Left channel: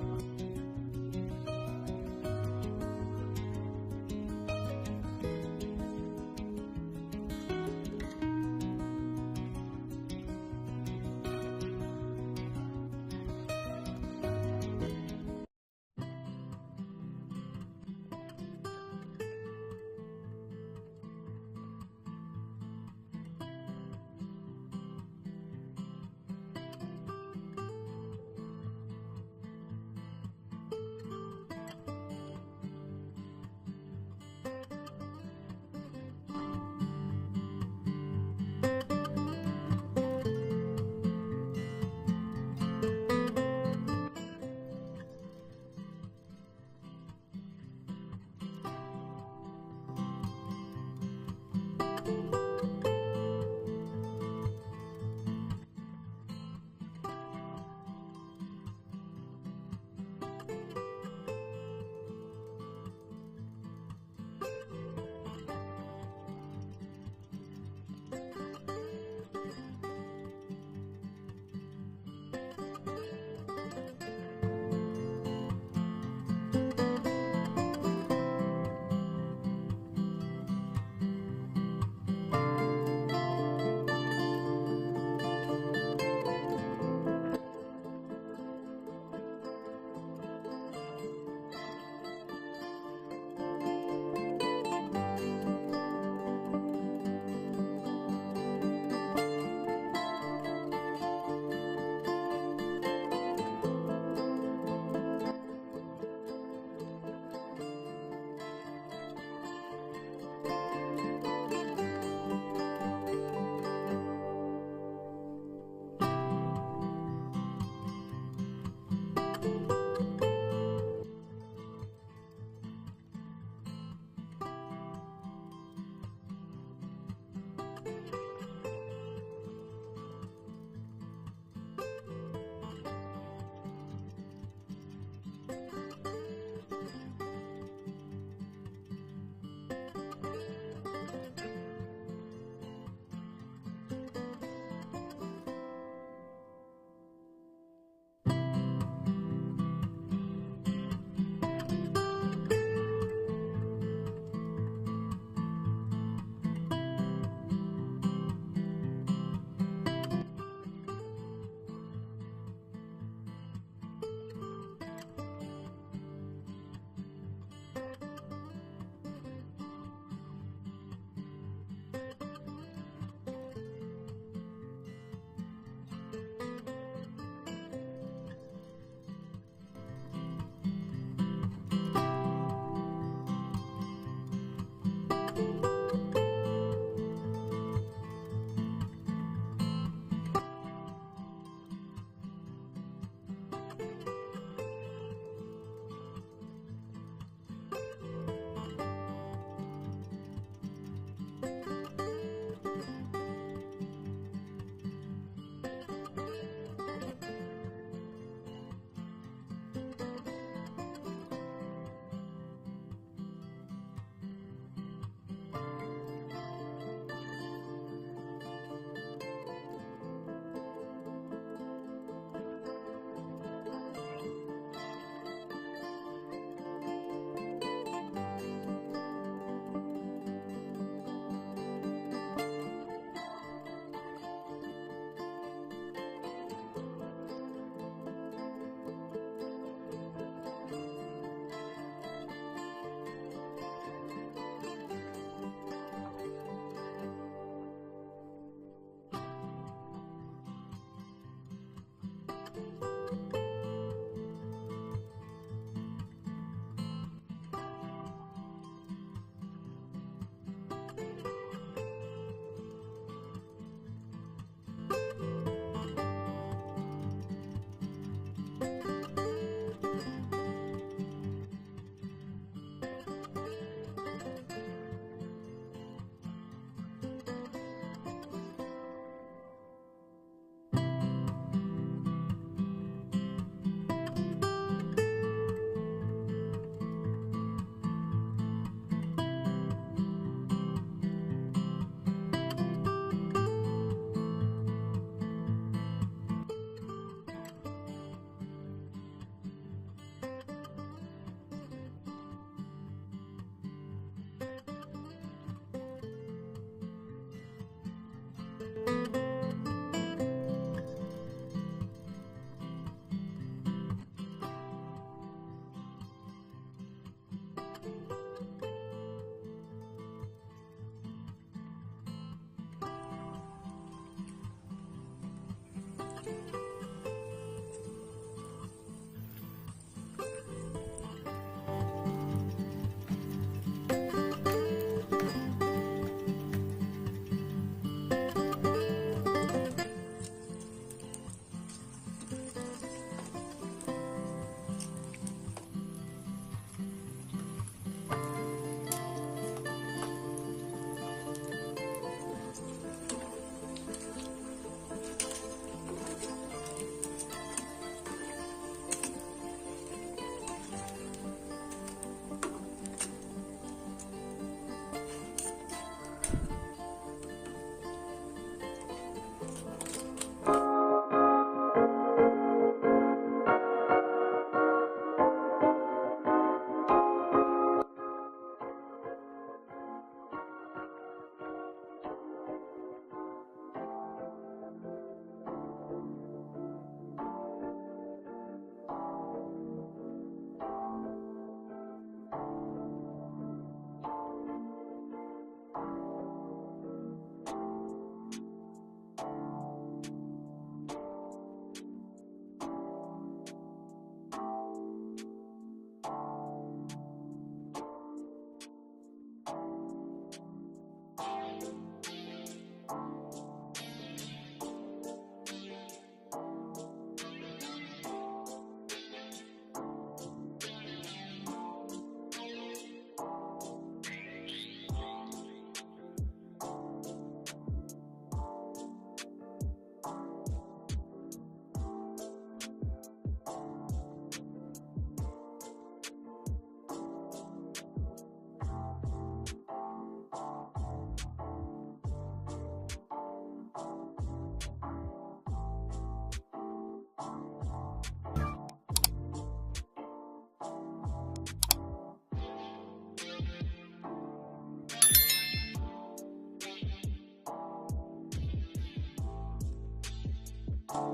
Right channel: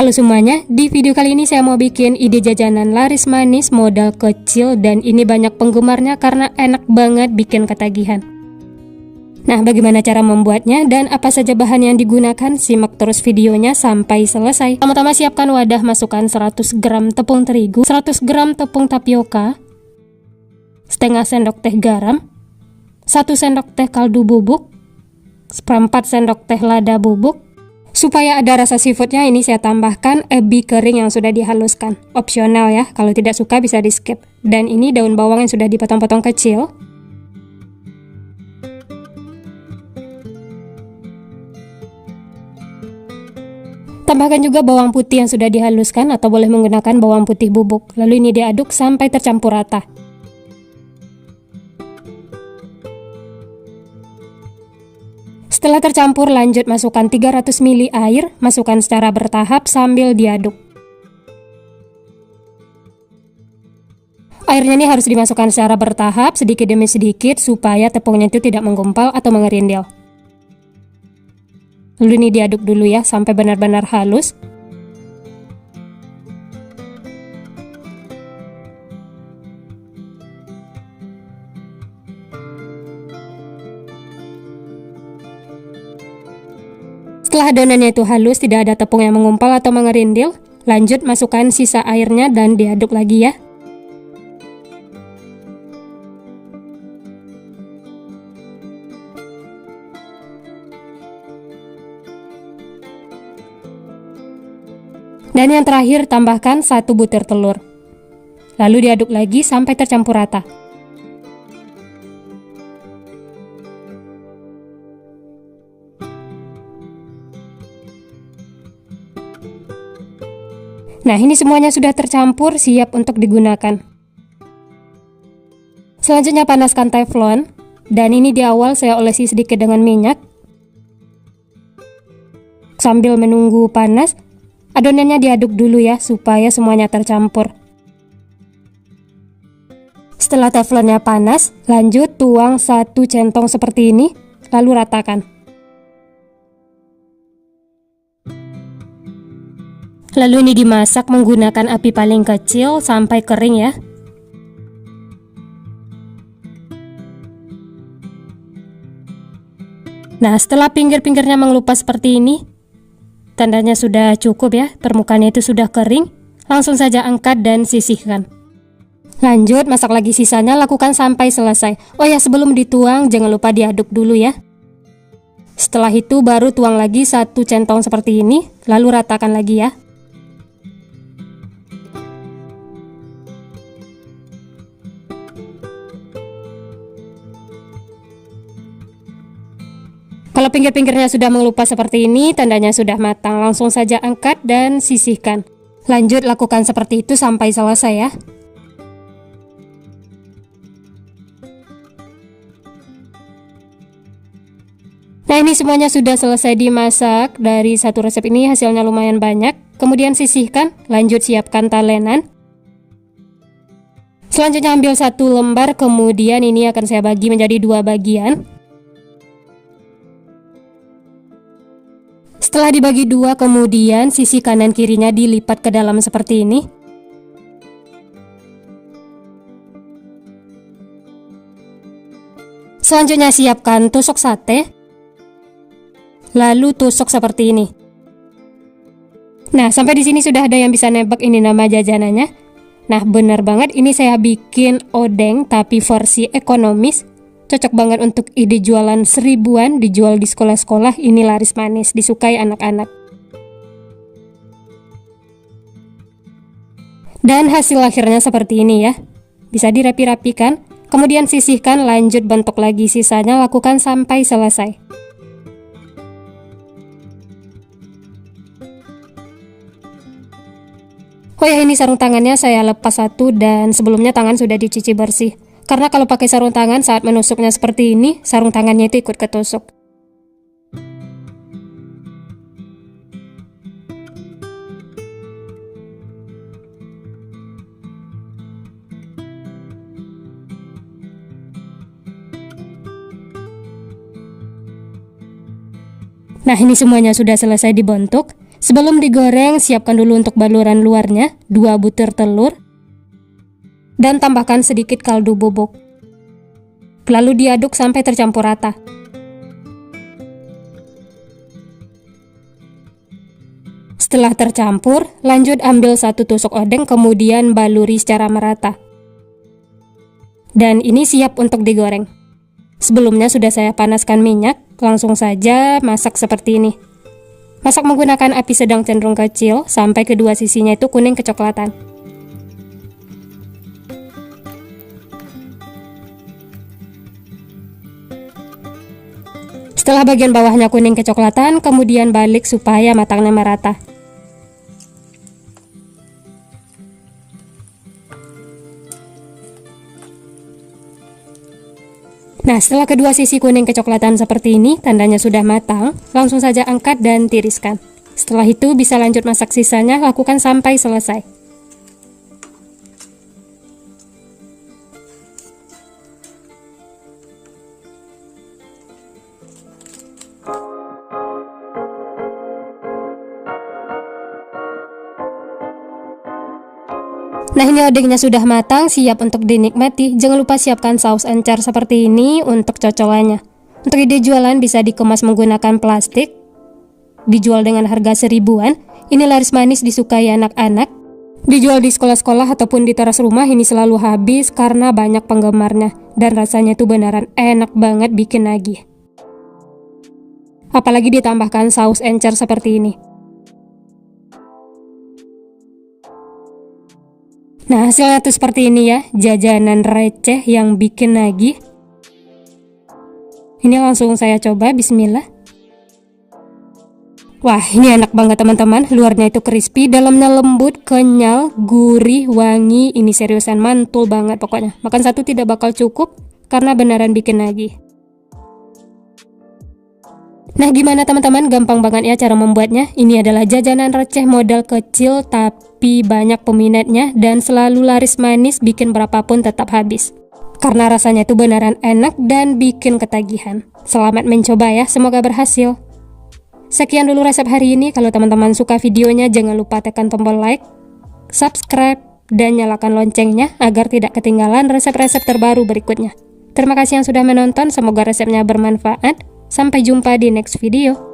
Halo semuanya, di video kali ini saya mau bikin ide jajanan laris manis modal kecil dan ini banyak penggemarnya karena enak banget bikin ketagihan. Nah, bagaimana cara membuatnya dan apa saja bahan yang digunakan? Simak terus videonya sampai selesai. Pertama-tama siapkan wadah, masukkan 100 gram tepung terigu, 100 gram tepung tapioka, setengah sendok teh garam, 1 sendok teh kaldu bubuk, seperempat sendok teh lada bubuk. Supaya ada rasa seafoodnya, ini saya tambahkan ebi kering yang sudah dihaluskan. Opsional ya, kalau tidak suka bisa di skip. Dan ini daun bawang yang sudah dipotong-potong kecil. Tambahkan juga bawang putih yang sudah dihaluskan atau boleh menggunakan bawang putih bubuk. Lalu ini diaduk sampai tercampur rata. Setelah tercampur, lanjut masukkan 300 ml air, masukkan secara bertahap sambil diaduk. Airnya ini harus dimasukkan secara bertahap, sedikit demi sedikit, supaya tepungnya itu tidak menggumpal atau mengerindil. Lalu ini diaduk dulu ya, sampai benar-benar halus. Setelah adonannya itu halus, tidak ada tepung yang mengumpal atau mengerindil, lanjut masukkan sisa airnya dan diaduk lagi ya. Dan yang terakhir, tambahkan 1 butir telur. Lalu diaduk lagi sampai tercampur rata. Nah, ini semuanya sudah tercampur, siap untuk digunakan. Selanjutnya panaskan teflon, dan ini di awal saya olesi sedikit dengan minyak. Sambil menunggu panas, adonannya diaduk dulu ya, supaya semuanya tercampur. Setelah teflonnya panas, lanjut tuang 1 centong seperti ini, lalu ratakan. Lalu ini dimasak menggunakan api paling kecil sampai kering ya. Nah, setelah pinggir-pinggirnya mengelupas seperti ini, tandanya sudah cukup ya, permukaannya itu sudah kering. Langsung saja angkat dan sisihkan. Lanjut masak lagi sisanya, lakukan sampai selesai. Oh ya, sebelum dituang jangan lupa diaduk dulu ya. Setelah itu baru tuang lagi 1 centong seperti ini, lalu ratakan lagi ya. Kalau pinggir-pinggirnya sudah mengelupas seperti ini, tandanya sudah matang. Langsung saja angkat dan sisihkan. Lanjut lakukan seperti itu sampai selesai ya. Nah, ini semuanya sudah selesai dimasak. Dari satu resep ini hasilnya lumayan banyak. Kemudian sisihkan, lanjut siapkan talenan. Selanjutnya ambil 1 lembar, kemudian ini akan saya bagi menjadi 2 bagian. Setelah dibagi 2, kemudian sisi kanan kirinya dilipat ke dalam seperti ini. Selanjutnya siapkan tusuk sate, lalu tusuk seperti ini. Nah, sampai di sini sudah ada yang bisa nebak ini nama jajanannya. Nah, benar banget, ini saya bikin odeng tapi versi ekonomis. Cocok banget untuk ide jualan 1000-an, dijual di sekolah-sekolah. Ini laris manis, disukai anak-anak. Dan hasil akhirnya seperti ini ya. Bisa dirapi-rapikan, kemudian sisihkan, lanjut bentuk lagi sisanya, lakukan sampai selesai. Oh ya, ini sarung tangannya saya lepas 1 dan sebelumnya tangan sudah dicuci bersih. Karena kalau pakai sarung tangan saat menusuknya seperti ini, sarung tangannya itu ikut ketusuk. Nah, ini semuanya sudah selesai dibentuk. Sebelum digoreng, siapkan dulu untuk baluran luarnya, 2 butir telur, dan tambahkan sedikit kaldu bubuk. Lalu diaduk sampai tercampur rata. Setelah tercampur, lanjut ambil 1 tusuk odeng kemudian baluri secara merata. Dan ini siap untuk digoreng. Sebelumnya sudah saya panaskan minyak, langsung saja masak seperti ini. Masak menggunakan api sedang cenderung kecil sampai kedua sisinya itu kuning kecoklatan. Setelah bagian bawahnya kuning kecoklatan, kemudian balik supaya matangnya merata. Nah, setelah kedua sisi kuning kecoklatan seperti ini, tandanya sudah matang, langsung saja angkat dan tiriskan. Setelah itu bisa lanjut masak sisanya, lakukan sampai selesai. Nah, ini odengnya sudah matang, siap untuk dinikmati. Jangan lupa siapkan saus encer seperti ini untuk cocolannya. Untuk ide jualan bisa dikemas menggunakan plastik, dijual dengan harga 1000-an. Ini laris manis disukai anak-anak. Dijual di sekolah-sekolah ataupun di teras rumah, ini selalu habis karena banyak penggemarnya. Dan rasanya itu beneran enak banget bikin nagih. Apalagi ditambahkan saus encer seperti ini. Nah, hasilnya tuh seperti ini ya, jajanan receh yang bikin nagih. Ini langsung saya coba, bismillah. Wah, ini enak banget teman-teman, luarnya itu crispy, dalamnya lembut, kenyal, gurih, wangi. Ini seriusan mantul banget pokoknya. Makan satu tidak bakal cukup, karena beneran bikin nagih. Nah, gimana teman-teman? Gampang banget ya cara membuatnya. Ini adalah jajanan receh modal kecil tapi banyak peminatnya dan selalu laris manis, bikin berapapun tetap habis. Karena rasanya itu beneran enak dan bikin ketagihan. Selamat mencoba ya, semoga berhasil. Sekian dulu resep hari ini. Kalau teman-teman suka videonya, jangan lupa tekan tombol like, subscribe, dan nyalakan loncengnya agar tidak ketinggalan resep-resep terbaru berikutnya. Terima kasih yang sudah menonton, semoga resepnya bermanfaat. Sampai jumpa di next video.